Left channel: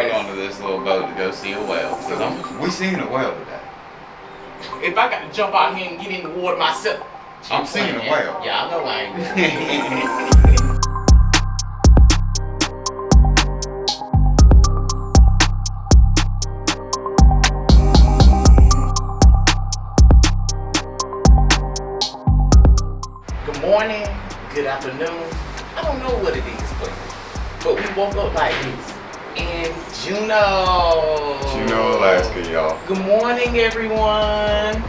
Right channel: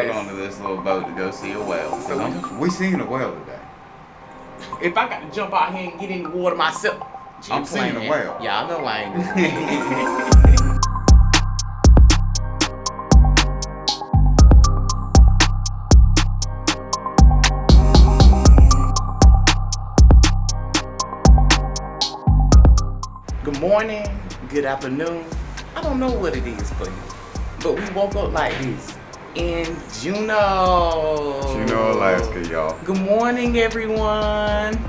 right onto this little boat to go see a whale. We seen a whale today. If I got to jump out here and get in the water myself. I'm seeing a whale. Yeah, I know I ain't. Good morning, good afternoon. I don't know what it is for you, but we woke up like this in Juneau. Juneau, Alaska, y'all. Good morning, everyone.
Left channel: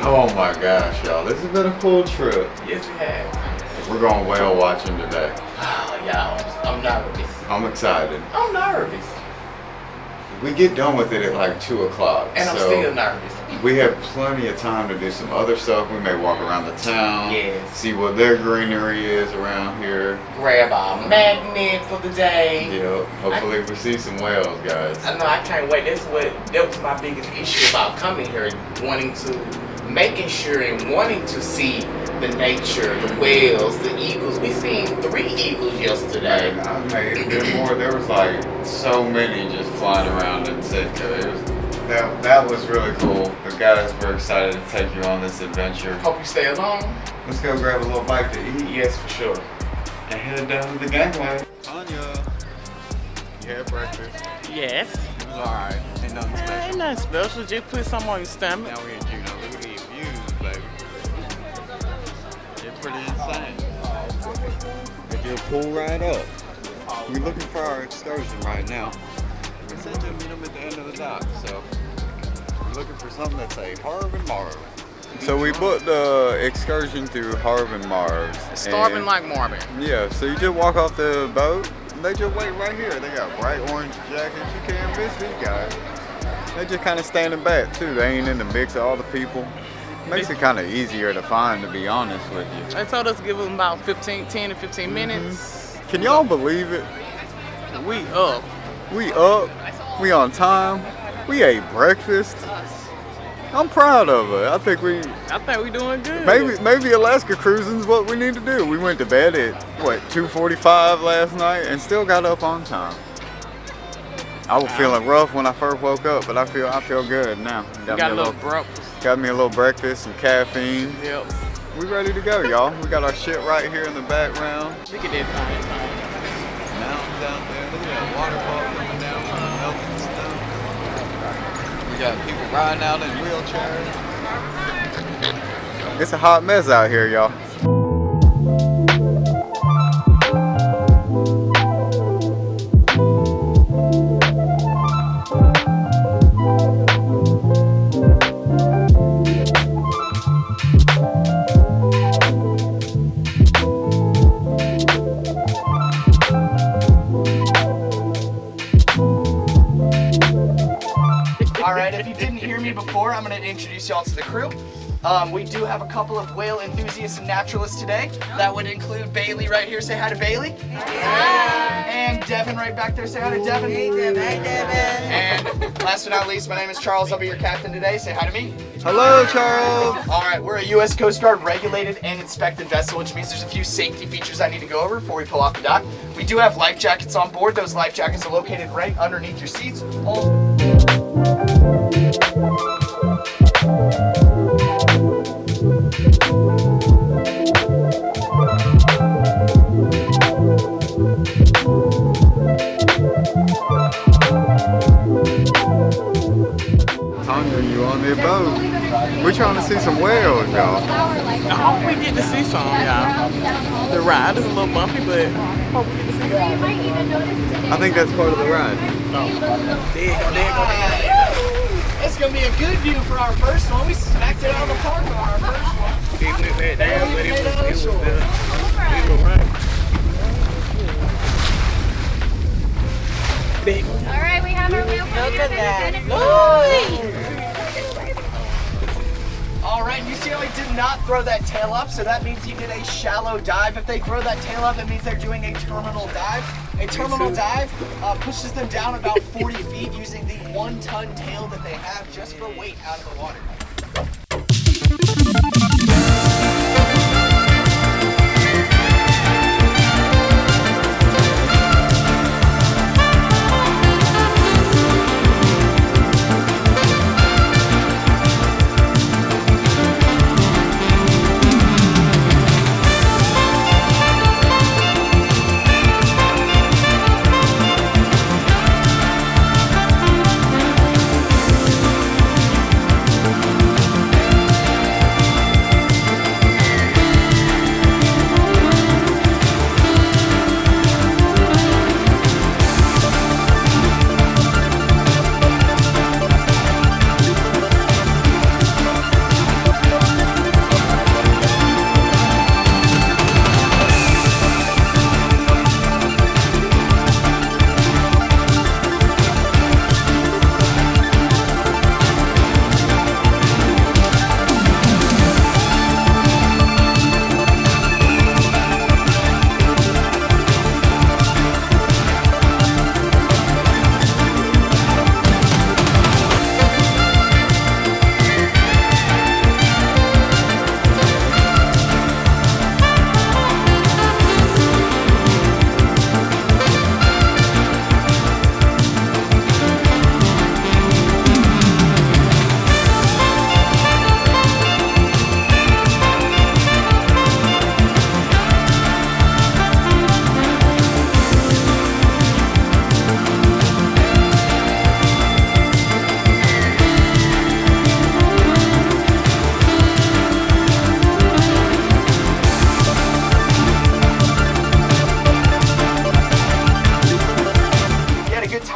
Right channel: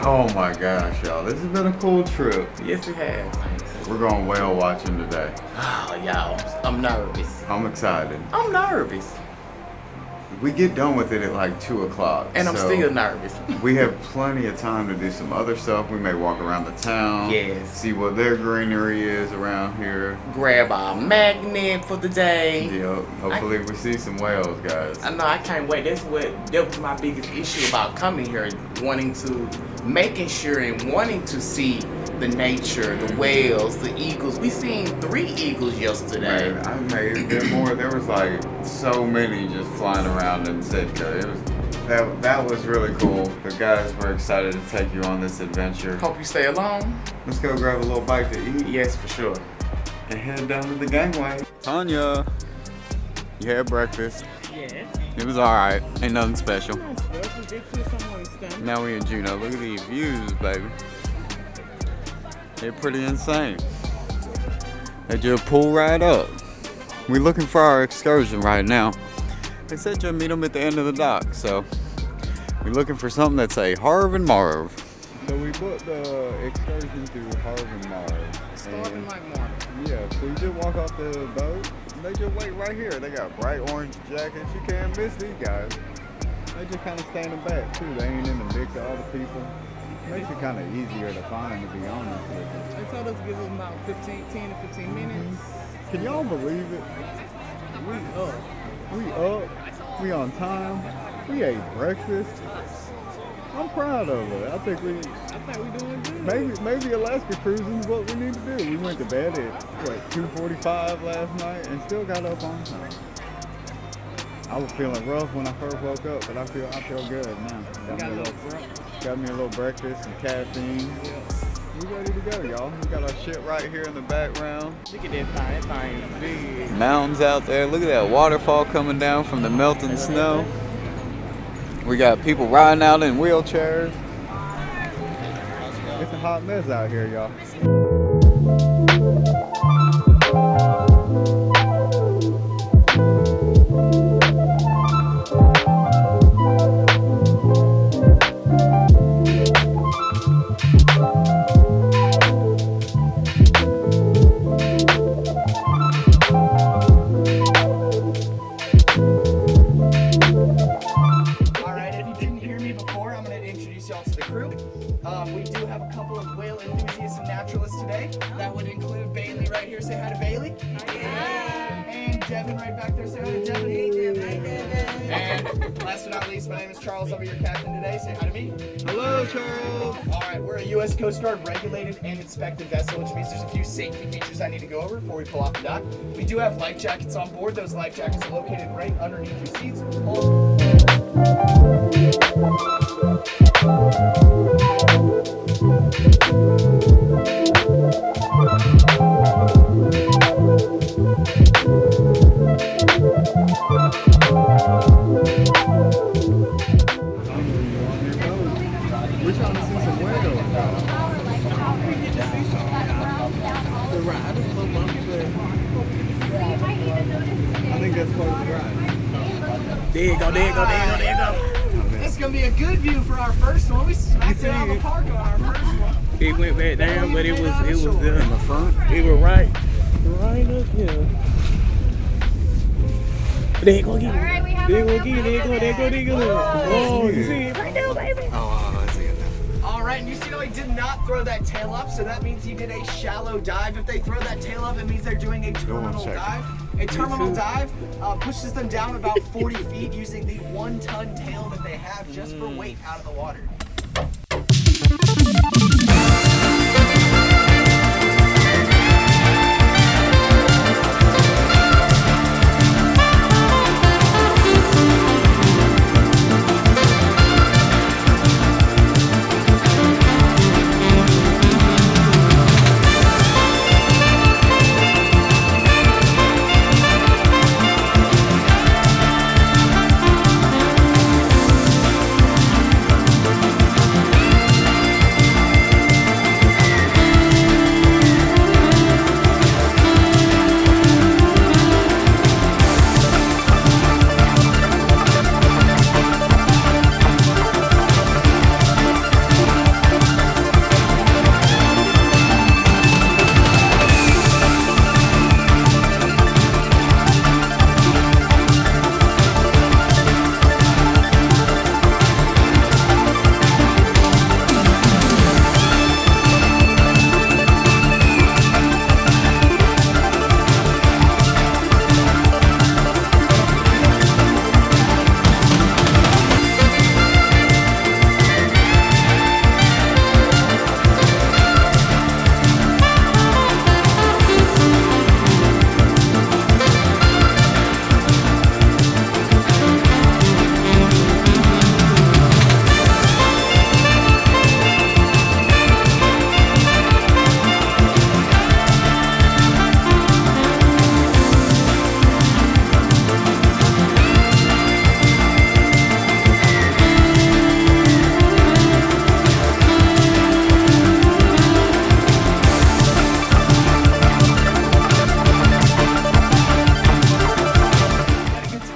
Oh my gosh, y'all. This has been a cool trip. Yes, we have. We're going whale watching today. Oh, y'all, I'm nervous. I'm excited. I'm nervous. We get done with it at like 2 o'clock. And I'm still nervous. We have plenty of time to do some other stuff. We may walk around the town. Yes. See what their greenery is around here. Grab our magnet for the day. Yep. Hopefully we see some whales, guys. I know, I can't wait. That was my biggest issue about coming here, making sure and wanting to see the nature, the whales, the eagles. We seen 3 eagles yesterday. Man, I made it bit more. There was like so many just flying around in Sitka. That was really cool. The guys were excited to take you on this adventure. Hope you stay along. Let's go grab a little bite to eat. Yes, for sure. And head down to the gangway. Tanya, you had breakfast. Yes. It was alright. Ain't nothing special. Nothing special. Just put some on your stomach. Now we in Juneau. Look at these views, baby. They're pretty insane. They just pull right up. We're looking for our excursion right now. They said you'll meet them at the end of the dock, so we're looking for something that's a Harv and Marv. So we booked the excursion through Harv and Marv. Starving like Marvin. Yeah, so you just walk off the boat. They just wait right here. They got bright orange jackets. You can't miss these guys. They just kind of standing back too. They ain't in the mix of all the people. Makes it kind of easier to find, to be honest with you. They told us to give them about 10 to 15 minutes. Can y'all believe it? We up. We up. We on time. We ate breakfast. I'm proud of it. I think we doing good. Maybe Alaska cruising's what we need to do. We went to bed at 2:45 last night and still got up on time. I was feeling rough when I first woke up, but I feel good now. Got a little breakfast. Got me a little breakfast, some caffeine. Yep. We ready to go, y'all. We got our shit right here in the background. Look at that thing. Mountains out there. Look at that waterfall coming down from the melting snow. We got people riding out in wheelchairs. It's a hot mess out here, y'all. Y'all to the crew. We do have a couple of whale enthusiasts and naturalists today. That would include Bailey right here. Say hi to Bailey. Hi. And Devin right back there. Say hi to Devin. Hey, Devin. Hi, Devin. And last but not least, my name is Charles. I'll be your captain today. Say hi to me. Hello, Charles. All right, we're a U.S. Coast Guard regulated and inspected vessel, which means there's a few safety features I need to go over before we pull off the dock. We do have life jackets on board. Those life jackets are located right underneath your seats. Tanya, you on the boat? We're trying to see some whales, y'all. I hope we get to see some, y'all. The ride is a little bumpy, but I hope we get to see some. I think that's part of the ride. There you go. It's gonna be a good view for our first one. We smacked it out of the park on our first one. It went back down, but it was right. There you go. All right, we have our wheel. All right, and you see how he did not throw that tail up, so that means he did a shallow dive. If they throw that tail up, it means they're doing a terminal dive. A terminal dive pushes them down about 40 feet using the 1-ton tail that they have just for weight out of the water.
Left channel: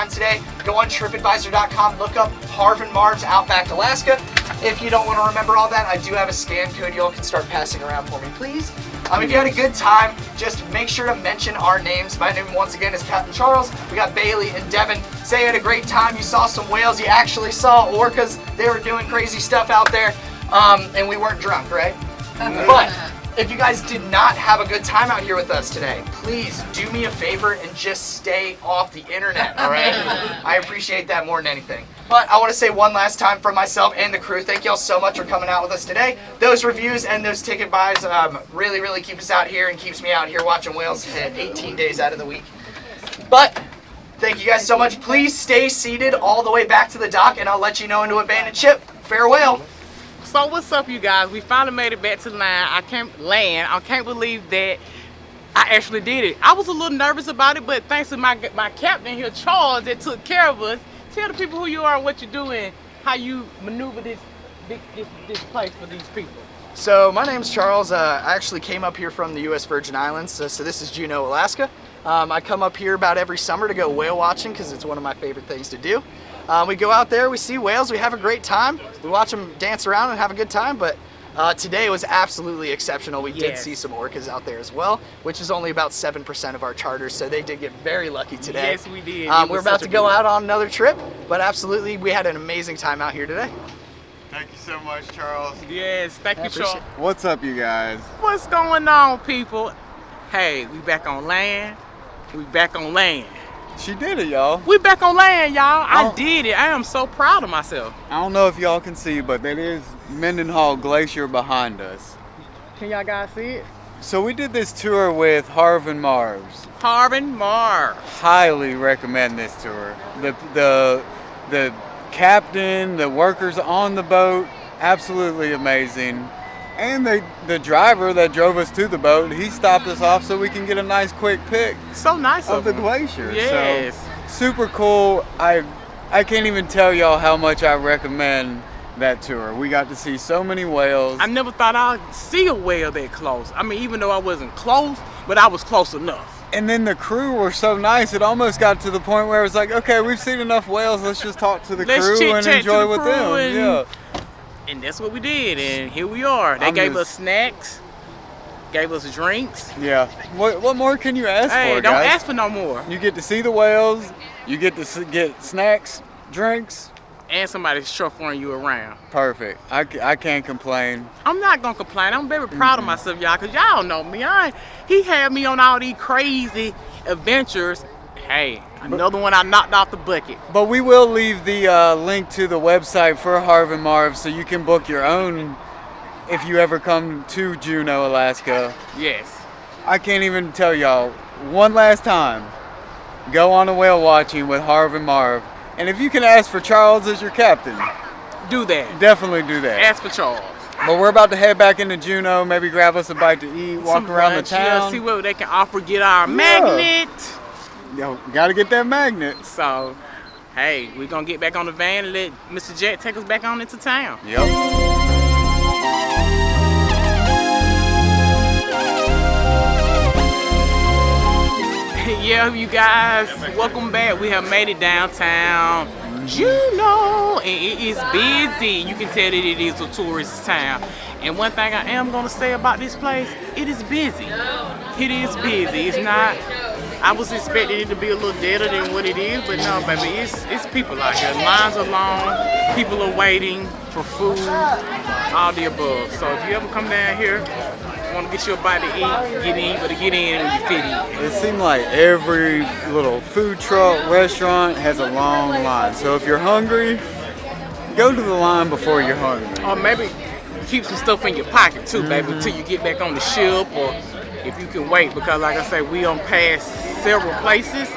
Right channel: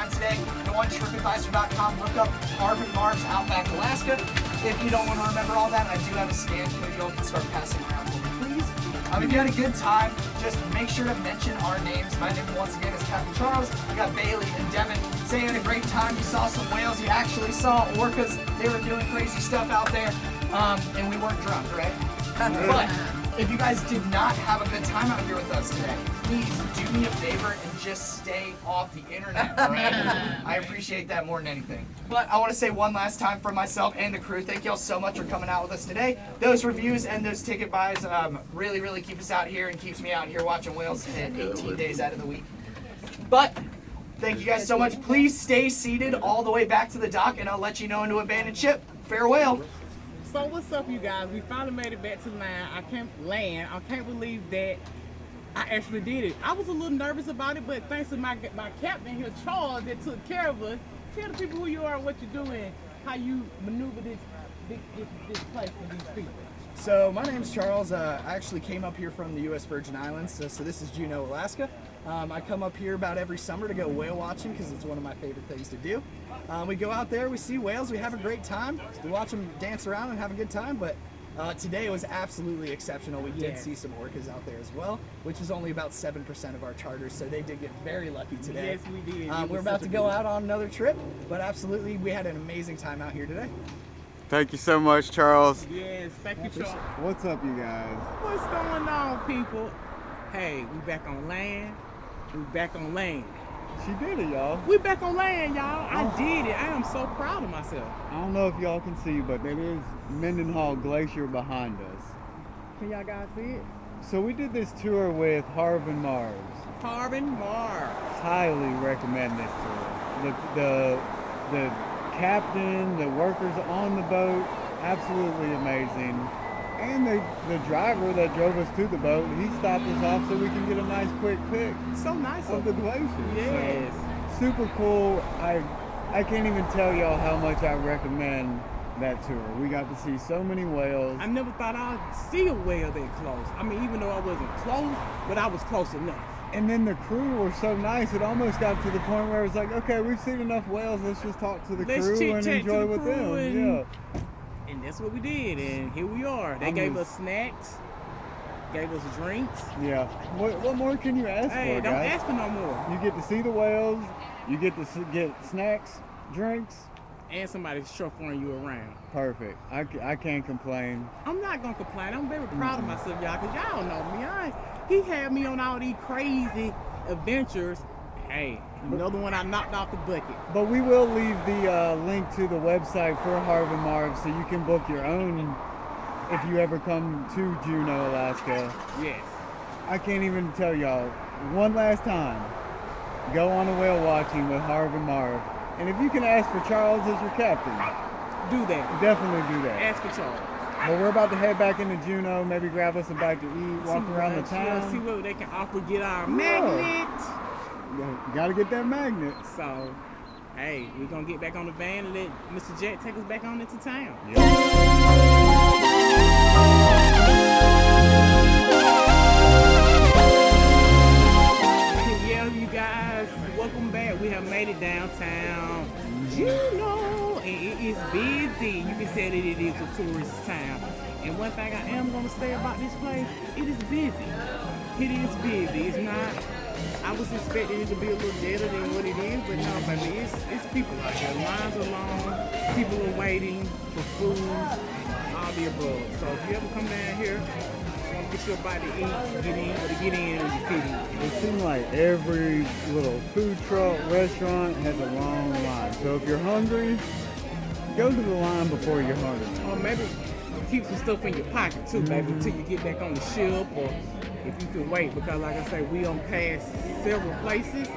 time today, go on TripAdvisor.com, look up Harv and Marv's Outback, Alaska. If you don't want to remember all that, I do have a scan code y'all can start passing around for me, please. If you had a good time, just make sure to mention our names. My name once again is Captain Charles. We got Bailey and Devin. Say you had a great time. You saw some whales. You actually saw orcas. They were doing crazy stuff out there. And we weren't drunk, right? But if you guys did not have a good time out here with us today, please do me a favor and just stay off the internet, all right? I appreciate that more than anything. But I want to say one last time for myself and the crew, thank y'all so much for coming out with us today. Those reviews and those ticket buys really, really keep us out here and keeps me out here watching whales 18 days out of the week. But thank you guys so much. Please stay seated all the way back to the dock, and I'll let you know into abandoned ship. Farewell. So what's up, you guys? We finally made it back to land. I can't believe that I actually did it. I was a little nervous about it, but thanks to my captain here, Charles, that took care of us. Tell the people who you are, what you're doing, how you maneuver this place for these people. So my name's Charles. I actually came up here from the U.S. Virgin Islands. So this is Juneau, Alaska. I come up here about every summer to go whale watching because it's one of my favorite things to do. We go out there, we see whales, we have a great time. We watch them dance around and have a good time, but today was absolutely exceptional. We did see some orcas out there as well, which is only about 7% of our charters, so they did get very lucky today. Yes, we did. We're about to go out on another trip, but absolutely, we had an amazing time out here today. Thank you so much, Charles. Yes, thank you, Charles. What's up, you guys? What's going on, people? Hey, we back on land. We back on land. She did it, y'all. We back on land, y'all. I did it. I am so proud of myself. I don't know if y'all can see, but that is Mendenhall Glacier behind us. Can y'all guys see it? So we did this tour with Harv and Marv's. Harv and Marv. Highly recommend this tour. The captain, the workers on the boat, absolutely amazing. And the driver that drove us to the boat, he stopped us off so we can get a nice quick pic So nice of the glacier. Yes. So, super cool. I can't even tell y'all how much I recommend that tour. We got to see so many whales. I never thought I'd see a whale that close. I mean, even though I wasn't close, but I was close enough. And then the crew were so nice, it almost got to the point where it was like, okay, we've seen enough whales, let's just talk to the crew and enjoy with them. Yeah. And that's what we did, and here we are. They gave us snacks, gave us drinks. Yeah. What more can you ask for, Hey, don't ask for no more. You get to see the whales, you get to get snacks, drinks. And somebody's chauffeuring you around. Perfect. I can't complain. I'm not gonna complain. I'm very proud of myself, y'all, because y'all know me. He had me on all these crazy adventures. Hey, another one I knocked off the bucket. But we will leave the link to the website for Harv and Marv so you can book your own if you ever come to Juneau, Alaska. Yes. I can't even tell y'all, one last time, go on a whale watching with Harv and Marv. And if you can ask for Charles as your captain, do that. Definitely do that. Ask for Charles. But we're about to head back into Juneau, maybe grab us a bite to eat, walk around the town. Yeah, see what they can offer, get our magnet. Yo, gotta get that magnet. So, hey, we're gonna get back on the van and let Mr. Jack take us back on into town. Yep. Yeah, you guys, welcome back. We have made it downtown Juneau, and it is busy. You can tell that it is a tourist town. And one thing I am gonna say about this place, it is busy. It is busy. It's not. I was expecting it to be a little deader than what it is, but no, baby, it's people out here. Lines are long, people are waiting for food, all the above. So if you ever come down here, want to get you a bite to eat, get in, but to get in when you fit in. It seems like every little food truck, restaurant has a long line. So if you're hungry, go to the line before you're hungry. Or maybe keep some stuff in your pocket too, baby, until you get back on the ship, or if you can wait, because like I said, we done passed several places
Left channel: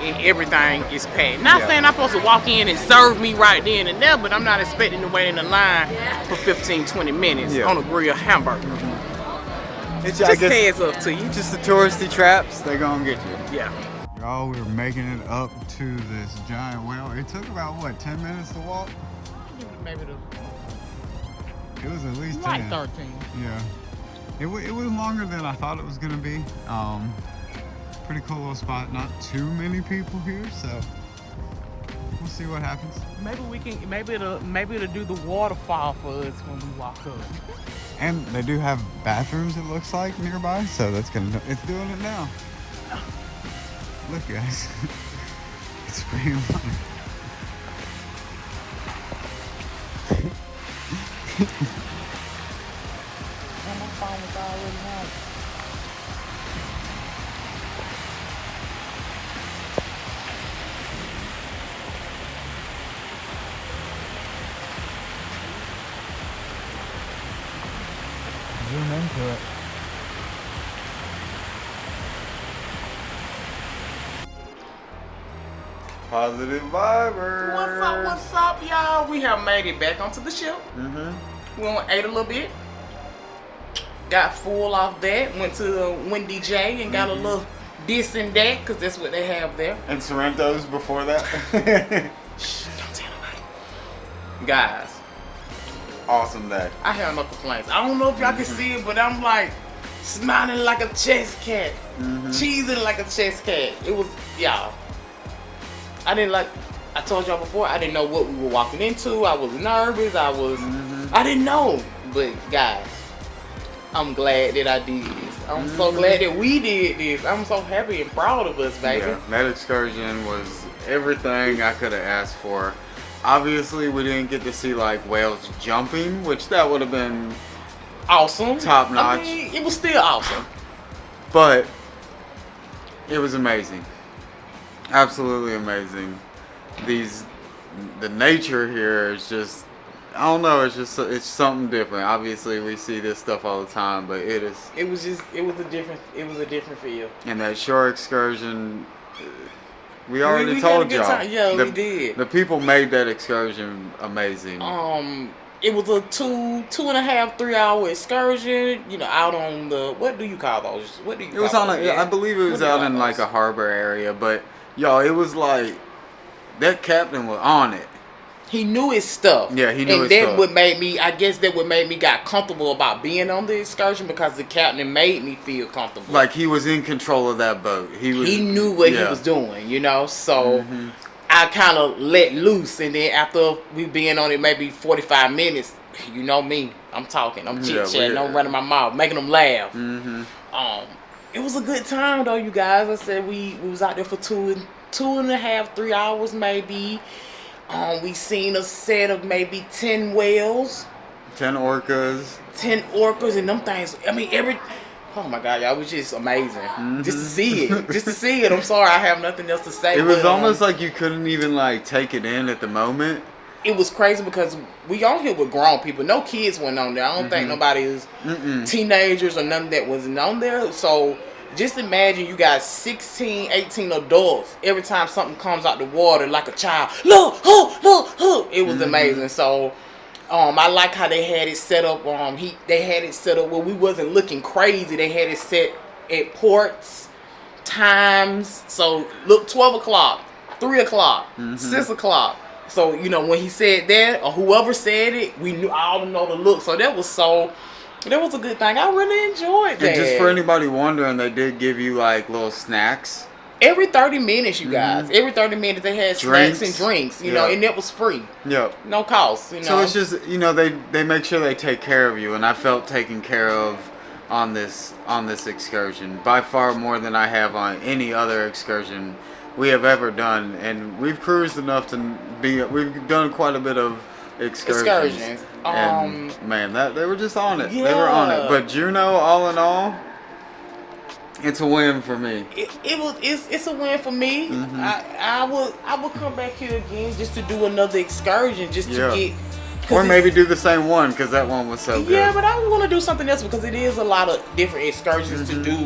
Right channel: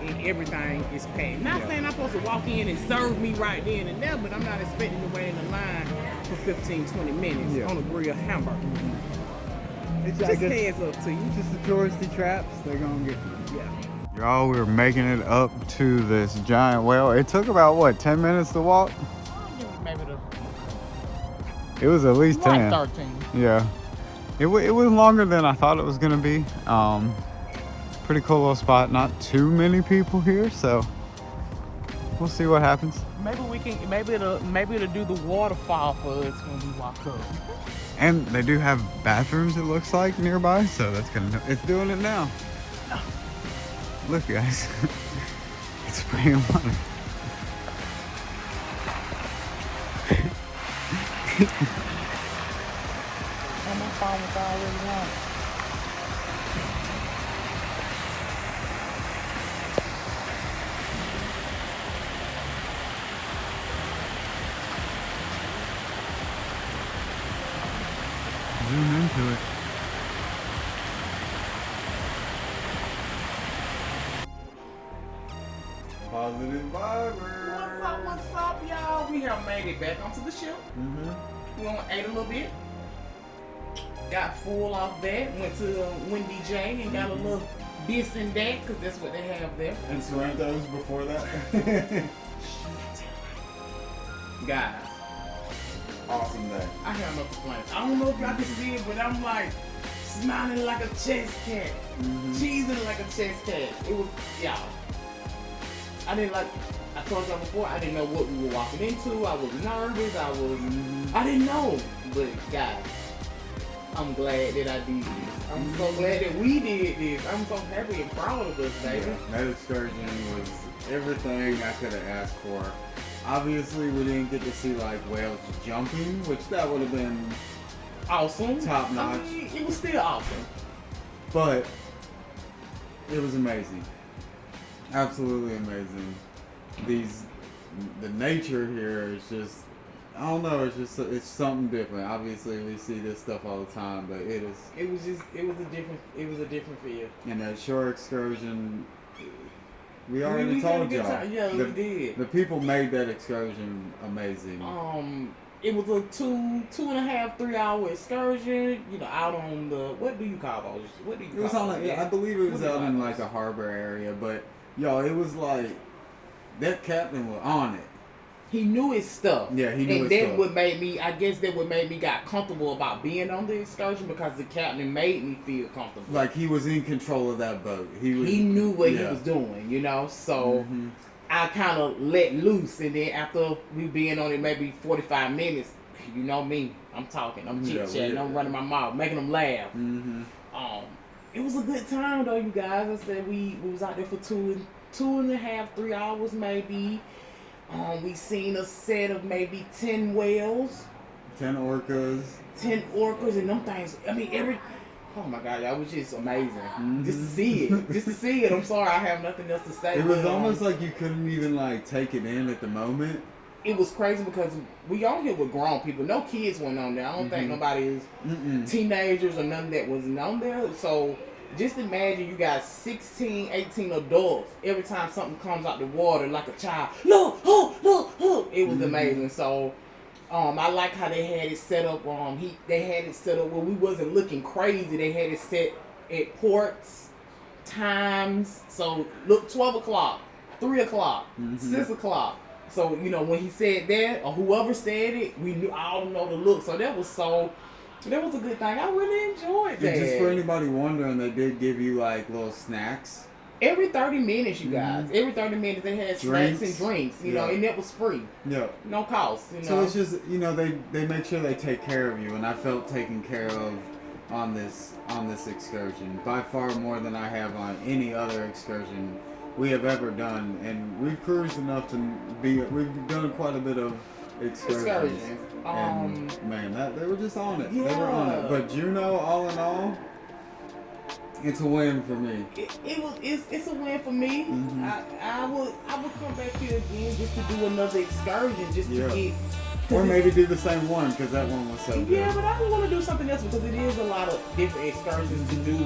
and everything is packed. Not saying I'm supposed to walk in and serve me right then and there, but I'm not expecting to wait in the line for 15, 20 minutes on a grilled hamburger. It's just heads up to you. Just the touristy traps, they're gonna get you. Yeah. Y'all, we were making it up to this giant whale. It took about, what, 10 minutes to walk? Maybe It was at least 10. 13. Yeah. It was longer than I thought it was gonna be. Pretty cool little spot. Not too many people here, so We'll see what happens. Maybe it'll do the waterfall for us when we walk up. And they do have bathrooms, it looks like, nearby, so it's doing it now. Look, guys. It's spraying water. Positive vibers. What's up, y'all? We have made it back onto the ship. We ate a little bit. Got full off that. Went to Wendy J and got a little this and that, because that's what they have there. And Sorrento's before that. Shh, don't tell nobody. Guys, Awesome day. I have no complaints. I don't know if y'all can see it, but I'm like smiling like a chess cat. Cheesing like a chess cat. It was, y'all. I told y'all before, I didn't know what we were walking into. I was nervous. I didn't know. But guys, I'm glad that I did this. I'm so glad that we did this. I'm so happy and proud of us, baby. Yeah, that excursion was everything I could have asked for. Obviously, we didn't get to see like whales jumping, which that would have been Awesome. top notch. I mean, it was still awesome. But it was amazing. Absolutely amazing. The nature here is just, I don't know, it's something different. Obviously we see this stuff all the time, but it was a different feel. And that shore excursion, we already told y'all. Yeah, we did. The people made that excursion amazing. It was a 2.5, 3 hour excursion, out on the, what do you call those? It was on I believe it was out in like a harbor area, but y'all, it was like, that captain was on it. He knew his stuff. Yeah, he knew his stuff. stuff. And that would make me got comfortable about being on the excursion, because the captain made me feel comfortable. Like he was in control of that boat. He knew what he was doing, so I kind of let loose, and then after we being on it maybe 45 minutes, you know me, I'm talking, I'm chit-chatting, I'm running my mouth, making them laugh. It was a good time though, you guys. I said we was out there for 2.5, 3 hours maybe. We seen a set of maybe 10 whales. 10 orcas. 10 orcas, and them things, I mean, oh my God, y'all, it was just amazing. Just to see it. I'm sorry, I have nothing else to say. It was almost like you couldn't even like take it in at the moment. It was crazy because we on here with grown people. No kids went on there. I don't think nobody was teenagers or none of that wasn't on there. So just imagine you got 16, 18 adults. Every time something comes out the water, like a child, look. It was amazing. So I like how they had it set up. They had it set up where we wasn't looking crazy. They had it set at ports, times. So look, 12 o'clock, 3 o'clock, 6 o'clock. So, when he said that, or whoever said it, we knew all know the look. So that was a good thing. I really enjoyed that. And just for anybody wondering, they did give you like little snacks. Every 30 minutes, you guys. Every 30 minutes they had snacks and drinks, and that was free. Yep. No cost, So it's just, they make sure they take care of you, and I felt taken care of on this excursion. By far more than I have on any other excursion we have ever done, and we've cruised enough we've done quite a bit of excursions. And man, they were just on it. Yeah. They were on it. But Juneau, all in all, it's a win for me. It's a win for me. I would come back here again just to do another excursion, just to get. Or maybe do the same one, because that one was so good. Yeah, but I want to do something else, because it is a lot of different excursions to do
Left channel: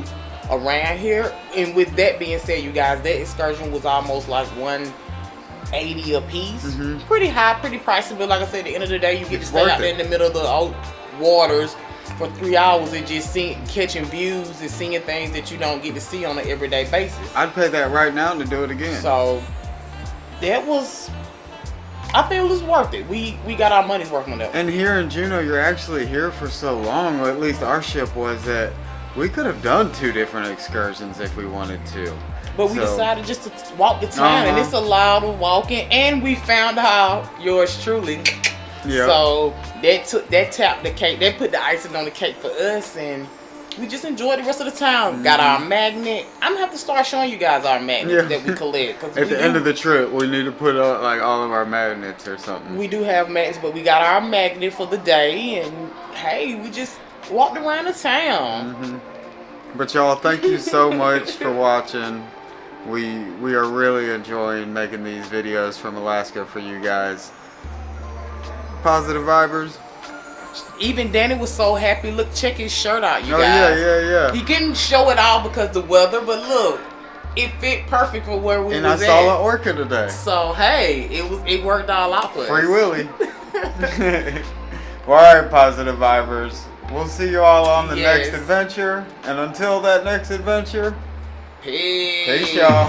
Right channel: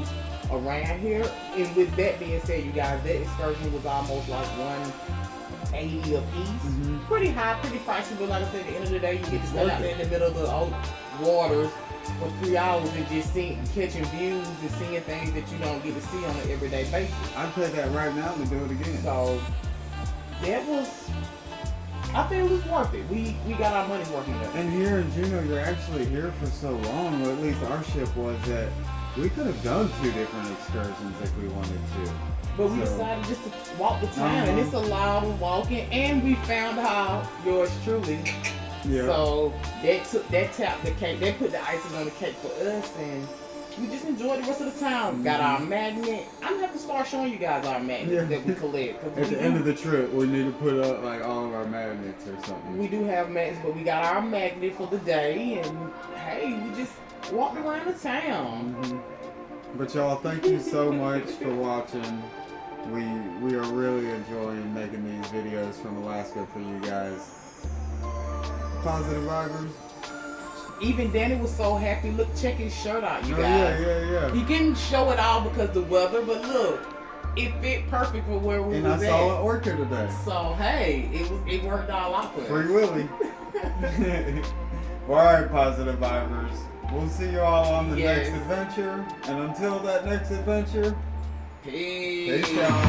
around here. And with that being said, you guys, that excursion was almost like $180 a piece. Pretty high, pretty pricey, but like I said, at the end of the day, you get to stay out there in the middle of the waters for 3 hours and just catching views and seeing things that you don't get to see on an everyday basis. I'd pay that right now to do it again. So I think it was worth it. We got our money's worth on that. And here in Juneau, you're actually here for so long, or at least our ship was, that we could have done 2 different excursions if we wanted to. But we decided just to walk the town, and it's a lot of walking. And we found out yours truly. Yeah. So that tapped the cake. They put the icing on the cake for us, and we just enjoyed the rest of the town. Got our magnet. I'm gonna have to start showing you guys our magnets that we collect. At the end of the trip, we need to put up like all of our magnets or something. We do have magnets, but we got our magnet for the day, and hey, we just walked around the town. But y'all, thank you so much for watching. We are really enjoying making these videos from Alaska for you guys. Positive vibers. Even Danny was so happy. Look, check his shirt out, you guys. Yeah. He couldn't show it all because of the weather, but look, it fit perfect for where we was at. And I saw an orca today. So hey, it worked all out for us. Free Willy. Well, alright, positive vibers. We'll see you all on the next adventure. And until that next adventure, peace. Peace, y'all.